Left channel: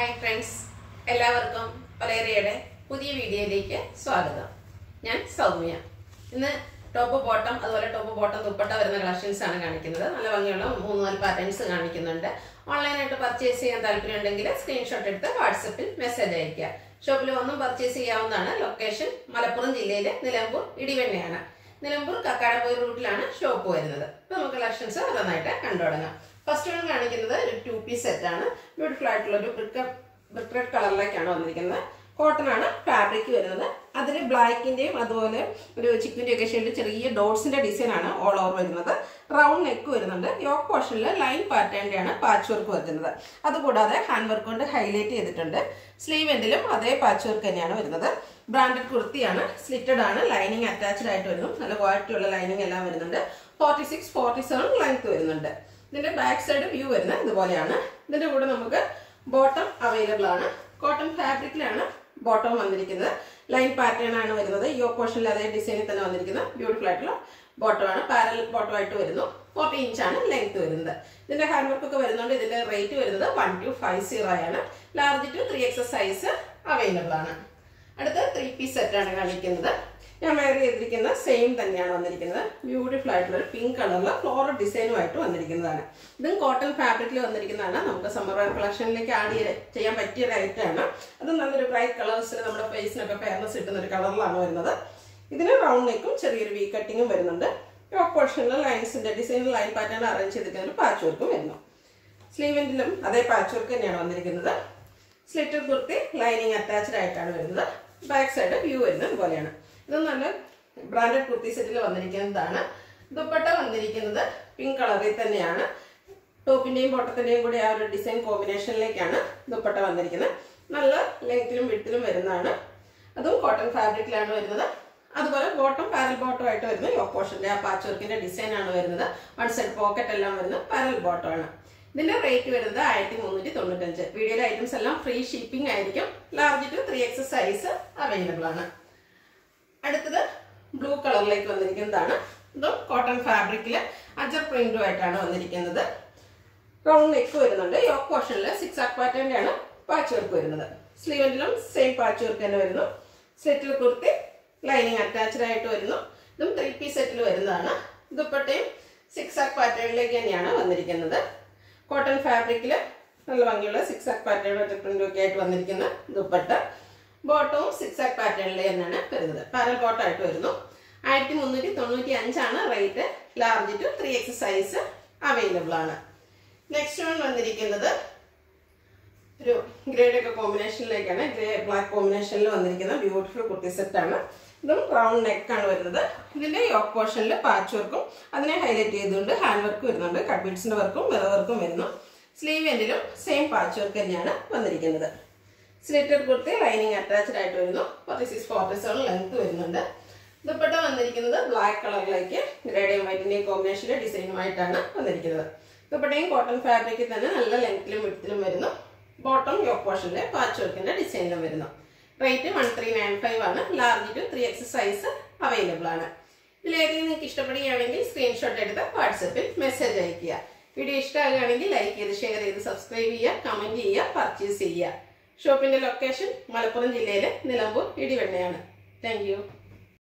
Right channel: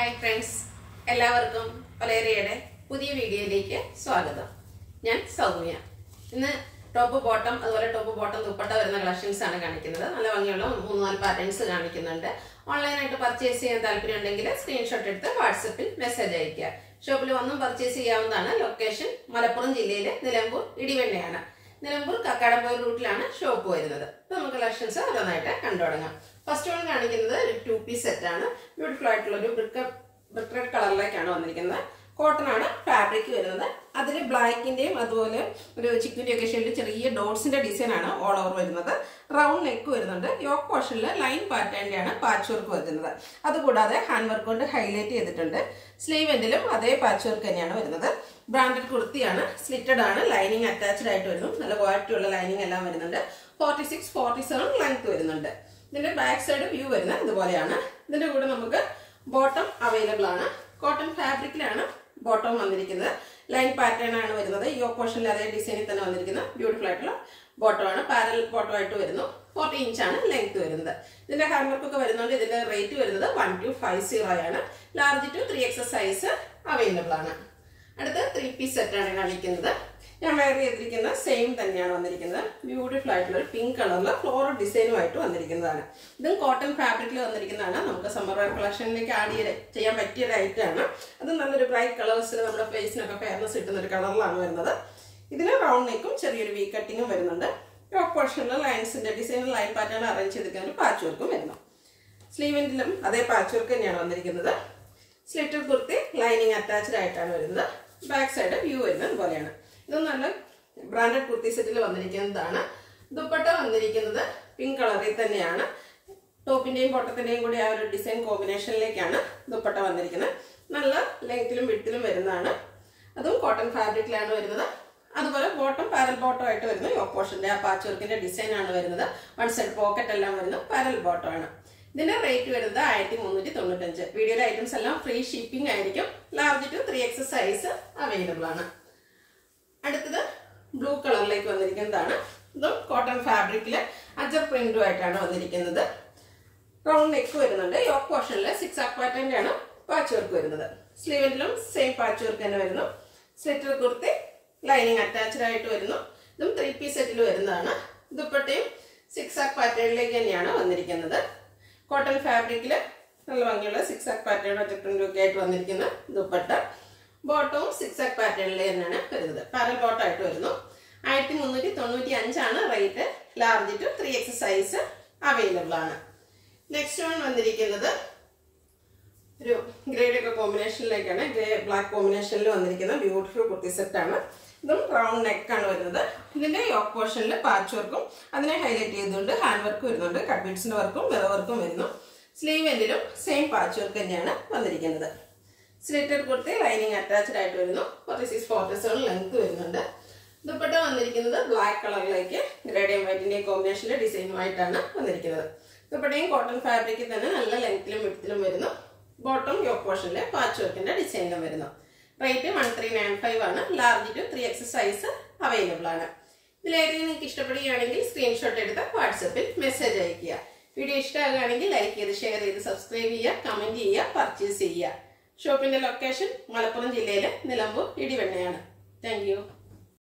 Hi friends, എല്ലാവർക്കും പലേറിയയുടെ പുതിയ വീഡിയോയിലേക്ക് സ്വാഗതം. ഞാൻ സൗമ്യ. ഇന്ന് ടോപ്പ് ബോട്ടം അതുപോലെ ടോപ്പ് ബോട്ടം ദുപ്പട്ട വരുന്ന കളക്ഷൻസ് ആണ് കാണിക്കുന്നത്. നല്ല ഭംഗിയുള്ള 3-4 പാറ്റേൺസ് കാണിക്കുന്നുണ്ട്. ഓൺലൈനായിട്ട് പർച്ചേസ് ചെയ്യാൻ താല്പര്യം ഉണ്ടെങ്കിൽ സ്ക്രീൻഷോട്ട് എടുത്ത് വാട്സപ്പിൽ മെസ്സേജ് അയക്കുക. ഷോപ്പിൽ വന്നും പർച്ചേസ് ചെയ്യാവുന്നതാണ്. ലൊക്കേഷൻ മലപ്പുറം ജില്ലയിലെ നിലമ്പൂർ ഇടിവെണ്ണയാണ്. നിലമ്പൂർ കക്കാടംപൊയിൽ റൂട്ടിലാണ് ഷോപ്പ് വരുന്നത്. ഇപ്പൊ നമുക്ക് കളക്ഷൻസ് ഓരോന്നായിട്ട് കണ്ടുതുടങ്ങാം. ഫസ്റ്റ് വൺ കാണിക്കുന്നത് ഒരു 2 പീസ് സെറ്റ് ആണ്. ബ്യൂട്ടിഫുൾ ആയിട്ടുള്ള ഒരു ബ്രിക്ക് റെഡ് കളറിലേക്കാണ് വന്നിരിക്കുന്നത്. കോട്ടൺ ആണ് ഫാബ്രിക് വരുന്നത്. അതിൽ ബ്ലാക്കിന്റെയും അതുപോലെ ഒരു ചിക്കുന്റെ ഒക്കെ ഷെയ്ഡ് ചെറിയ ഡോട്ട്സിന്റെ ഡിസൈൻ ആണ് ഓൾ ഓവർ വരുന്നത്. റൗണ്ട് നെക്ക് വരുന്നുണ്ട്. യോക്ക് പോർഷനിൽ ലൈൻ പാറ്റേണിന്റെ ആണ് പാച്ച് വർക്ക് വരുന്നത്. അതുകൂടാതെ ഹാൻഡ് വർക്ക് കൊണ്ട് ഹൈലൈറ്റ് ചെയ്തിട്ടുണ്ട്. സ്ലീവ് എൻഡിലും അതേ പാച്ച് വർക്ക് തന്നെയാണ് വരുന്നത്. ബ്രാൻഡഡ് കുർത്തിയാണ്. സ്ലിറ്റഡ് ആണ്. ലൈനിങ് അറ്റാച്ച്ഡ് ആയിട്ട് വരുന്നു. നല്ല ക്വാളിറ്റി ഉള്ള ലൈനിങ് എല്ലാം വരുന്നുണ്ട്. 46-47 ലെങ്ത് വരുന്നുണ്ട്. ഇതിന്റെ ബാക്ക് സൈഡ് വ്യൂ വരുന്നത് ഇതുപോലെയാണ്. ഇതിന്റെ കൂടെ നമുക്ക് ബോട്ടം അവൈലബിൾ ആണ്. കോട്ടൺ ഫാബ്രിക്കിലാണ് ബോട്ടം വന്നിരിക്കുന്നത്. ലൈൻ പാറ്റേൺ ആണ് വരുന്നത്. ഈ പോർഷനിൽ അതേ ഡിസൈനിൽ തന്നെ വന്നിരിക്കുന്ന ബ്യൂട്ടിഫുൾ ആയിട്ടുള്ള ബോട്ടം ആണ്. പാരൽ ബോട്ടം ആയിട്ട് വരുന്നു. 40 ഇഞ്ചാണ് ലെങ്ത് വരുന്നത്. ഇതിന്റെ ഹാൻഡ് വർക്ക് ഒക്കെ വരുന്നുണ്ട്. ഇതിന്റെ റേറ്റ് വരുന്നത് 1250 ആണ്. Large to 3XS size available ആണ്. അടുത്ത 3 പീസ് സെറ്റ് ആണ് കാണിക്കുന്നത്. ഞാൻ വെയർ ചെയ്തിരിക്കുന്ന സെയിം തന്നെയാണ് വന്നിരിക്കുന്നത്. ബ്യൂട്ടിഫുൾ ആയിട്ടുള്ള ഒരു പിങ്ക് കളറിലെ ഫ്ലോറൽ ഡിസൈനുമായിട്ട് വന്നിരിക്കുന്നതാണ്. ഇതും കോട്ടൺ ഫാബ്രിക്കിൽ വന്നിരിക്കുന്നതാണ്. നമുക്ക് സമ്മർ വെയർ കളക്ഷനിലേക്ക് ആഡ് ചെയ്യാൻ പറ്റിയ ഒരു ഐറ്റം ആണ്. അത് നല്ലൊരു ബ്രൈറ്റ് കളേഴ്സിൽ നമ്മുടെ ഫേസിനൊക്കെ ഫെയർനെസ് കിട്ടുന്ന ഒരു കളറിലാണ് വരുന്നത്. ഇതിന് റൗണ്ട് നെക്കും ചെറിയൊരു വി കട്ടിങ്ങും വരുന്നുണ്ട്. യോക്ക് പോർഷനിൽ ലൈൻസിന്റെ ഡിസൈനിൽ ലൈൻ പാറ്റേൺ അറേഞ്ച് ചെയ്തിരിക്കുന്ന പാച്ച് വർക്കും വരുന്നു. സ്ലീവിലും അതേ പാച്ച് വർക്ക് തന്നെയാണ് വന്നിരിക്കുന്നത്. സ്ലിറ്റഡ് കുർത്തി ലൈനിങ് അറ്റാച്ച്ഡ് ആയിട്ടാണ് വരുന്നത്. ബാക്ക് സൈഡ് വ്യൂ വരുന്നത് ഇതുപോലെയാണ്. ഇത് നല്ല ബ്രാൻഡഡ് കുർത്തി സെറ്റിൽ വന്നിരിക്കുന്നതാണ്. ദുപ്പട്ട വന്നിരിക്കുന്നത് പിങ്ക് കളറിൽ തന്നെയാണ്. ടോപ്പിന്റെയും ബോട്ടത്തിന്റെയും കൂടി ആ ഒരു ഡിസൈൻ കോമ്പിനേഷനിലേക്കാണ് ദുപ്പട്ട വന്നിരിക്കുന്നത്. നല്ല ലെങ്ത്തിലും വിഡ്ത്തിലും വരുന്നതാണ്. അതും കോട്ടൺ ഫാബ്രിക്കിലാണ് വരുന്നത്. അതുപോലെ ബോട്ടം പാരൽ ബോട്ടം ആയിട്ട് വരുന്നു. യോക്ക് പോർഷന്റെ ആ പാച്ച് വർക്കിന്റെ ഡിസൈൻ ആണ് വരുന്നത്. വൺ സൈഡ് പോക്കറ്റ് എല്ലാം വരുന്നത് പാരൽ ബോട്ടം ആണ്. ഇതിന്റെ റേറ്റ് വരുന്നത് 1395. വീഡിയോയിലെ ഐറ്റംസ് എല്ലാം ഫ്രീ ഷിപ്പിംഗ് ആയിരിക്കും. Large to 3XS size available ആണ്. അടുത്തത് ബ്ലൂ കളറിലേക്ക് വന്നിരിക്കുന്നതാണ്. ഇതും കോട്ടൺ ഫാബ്രിക്കില് അജർ പ്രിന്റും ആയിട്ടാണ് വന്നിരിക്കുന്നത്. റൗണ്ട് നെക്ക് വരുന്നുണ്ട്. യോക്ക് പോർഷനിൽ 6 പാറ്റേണിന്റെ ആണ് പാച്ച് വർക്ക് വരുന്നത്. സ്ലീവിലും സെയിം പാച്ച് വർക്ക് തന്നെ വരുന്നു. സ്ലിറ്റഡ് കുർത്തി ലൈനിങ് അറ്റാച്ച്ഡ് ആയിട്ട് വരുന്നു. ഇതും 3 പീസ് സെറ്റിൽ വരുന്നതാണ്. ദുപ്പട്ടയും 6 പാറ്റേണിലേക്ക് തന്നെയാണ് വന്നിരിക്കുന്നത്. കോട്ടൺ ഫാബ്രിക്കില് നല്ല ഭംഗിയുള്ള 6 പാറ്റേൺ അജർ പ്രിന്റും ഒക്കെ ആയിട്ട് വന്നിരിക്കുന്ന ദുപ്പട്ട. ബോട്ടവും 6 പാറ്റേണിൽ തന്നെയാണ് വരുന്നത്. പാരൽ ബോട്ടം ആയിട്ട് വരുന്നു. 1395 ആണ് rate. Large to 3XS size available ആണ്. നെക്സ്റ്റ് വൺ വന്നിരിക്കുന്നത് ഒരു ഗ്രേഡ് ഒക്കെ കോമ്പിനേഷനിലേക്കാണ്. ഗ്രേ ബ്ലാക്ക് കോമ്പിനേഷനിൽ വന്നിരിക്കുന്ന ബ്യൂട്ടിഫുൾ കുർത്തി സെറ്റ് ആണ്. ഇതും റൗണ്ട് നെക്ക് ആണ് വരുന്നത്. ഇതിന്റെ യോക്ക് പോർഷനിൽ പാച്ച് വർക്കും അതിനെ ഹൈലൈറ്റ് ചെയ്തുകൊണ്ട് ഹാൻഡ് വർക്ക് വരുന്നുണ്ട്. കട്ട് ബീഡ്സിന്റെ വർക്കും മിറർ വർക്കും വരുന്നു. സ്ലീവ് എൻഡിലും സെയിം പാച്ച് വർക്ക് തന്നെയാണ് വന്നിരിക്കുന്നത്. സ്ലിറ്റഡ് കുർത്തി ലൈനിങ് അറ്റാച്ച്ഡ് ആയിട്ട് വരുന്നു. 46-47 ലെങ്ത് വരുന്നുണ്ട്. ദുപ്പട്ട വന്നിരിക്കുന്നത് ബ്ലാക്ക് കളറിലേക്ക് ഗ്രേഡിയം വൈറ്റിന്റെയും കോമ്പിനേഷനിലെ ഡിസൈനുമായിട്ടാണ് വന്നിരിക്കുന്നത്. ദുപ്പട്ടയും കോട്ടൺ ഫാബ്രിക്കിൽ തന്നെ നല്ല ലെങ്ത്തിലും വിഡ്ത്തിലും വരുന്നു. ബോട്ടം യോക്ക് പോർഷനിലെ പാച്ച് വർക്കിന്റെ ഡിസൈനിലും വരുന്നു. റേറ്റ് 1395 ആണ്. Large to 3XS size available ആണ്. ഇതിലേതെങ്കിലും നിങ്ങൾക്ക് ഇഷ്ടപ്പെടുകയാണെങ്കിൽ സ്ക്രീൻഷോട്ട് എടുത്ത് വാട്സപ്പിൽ മെസ്സേജ് അയയ്ക്കുക. വീഡിയോ ഇഷ്ടമാകുകയാണെങ്കിൽ ലൈക്ക് ചെയ്ത് ഷെയർ ചെയ്ത് സബ്സ്ക്രൈബ് ചെയ്യുക, കമന്റ് ചെയ്യുക, പർച്ചേസ് ചെയ്യുക. ഷോപ്പിന്റെ ലൊക്കേഷൻ മലപ്പുറം ജില്ലയിലെ നിലമ്പൂർ ഇടിവെണ്ണയാണ്. Thank you.